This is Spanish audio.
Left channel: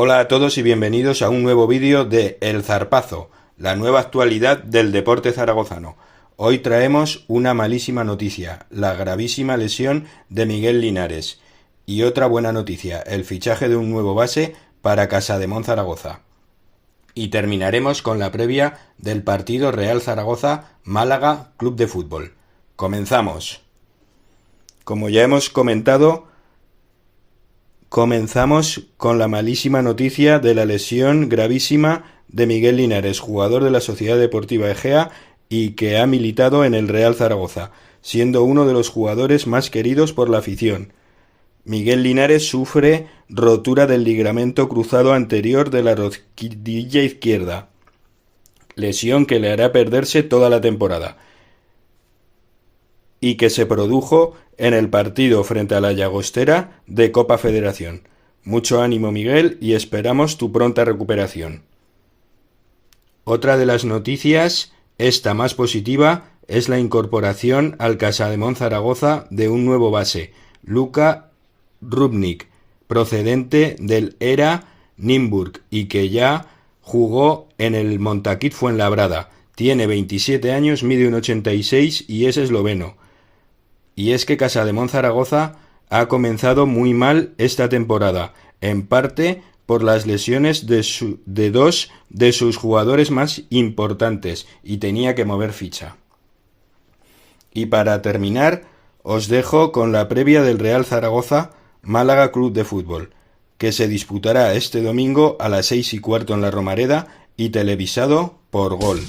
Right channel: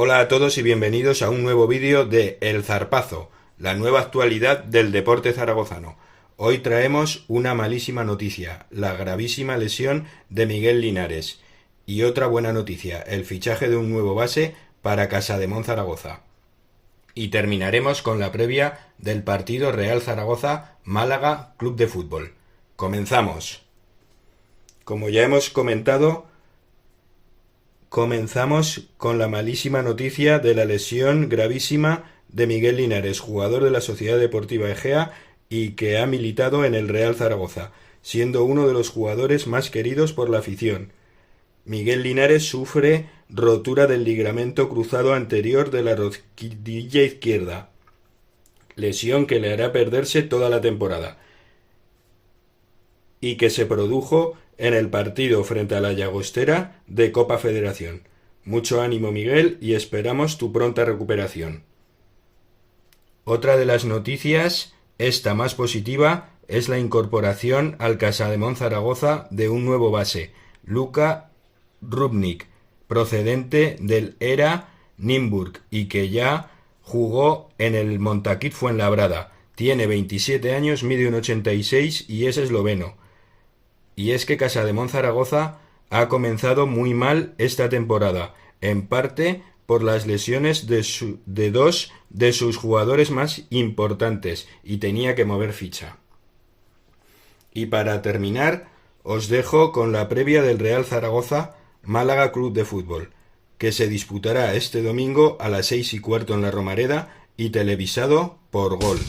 Hola a todos y bienvenidos a un nuevo vídeo de El Zarpazo, la nueva actualidad del deporte zaragozano. Hoy traemos una malísima noticia, la gravísima lesión de Miguel Linares. Y otra buena noticia, el fichaje de un nuevo base para Casademón Zaragoza. Y terminaremos con la previa del partido Real Zaragoza-Málaga Club de Fútbol. Comenzamos. Como ya hemos comentado, comenzamos con la malísima noticia de la lesión gravísima de Miguel Linares, jugador de la Sociedad Deportiva Egea y que ha militado en el Real Zaragoza, siendo uno de los jugadores más queridos por la afición. Miguel Linares sufre rotura del ligamento cruzado anterior de la rodilla izquierda, lesión que le hará perderse toda la temporada, y que se produjo en el partido frente a la Llagostera de Copa Federación. Mucho ánimo, Miguel, y esperamos tu pronta recuperación. Otra de las noticias, esta más positiva, es la incorporación al Casademón Zaragoza de un nuevo base, Luka Rubnik, procedente del ERA Nymburk y que ya jugó en el Montaquit Fuenlabrada. Tiene 27 años, mide 1,86 y es esloveno. Y es que Casademón Zaragoza ha comenzado muy mal esta temporada, en parte por las lesiones de dos de sus jugadores más importantes, y tenía que mover ficha. Y para terminar, os dejo con la previa del Real Zaragoza Málaga Club de Fútbol, que se disputará este domingo a las 6:15 en la Romareda y televisado por Gol.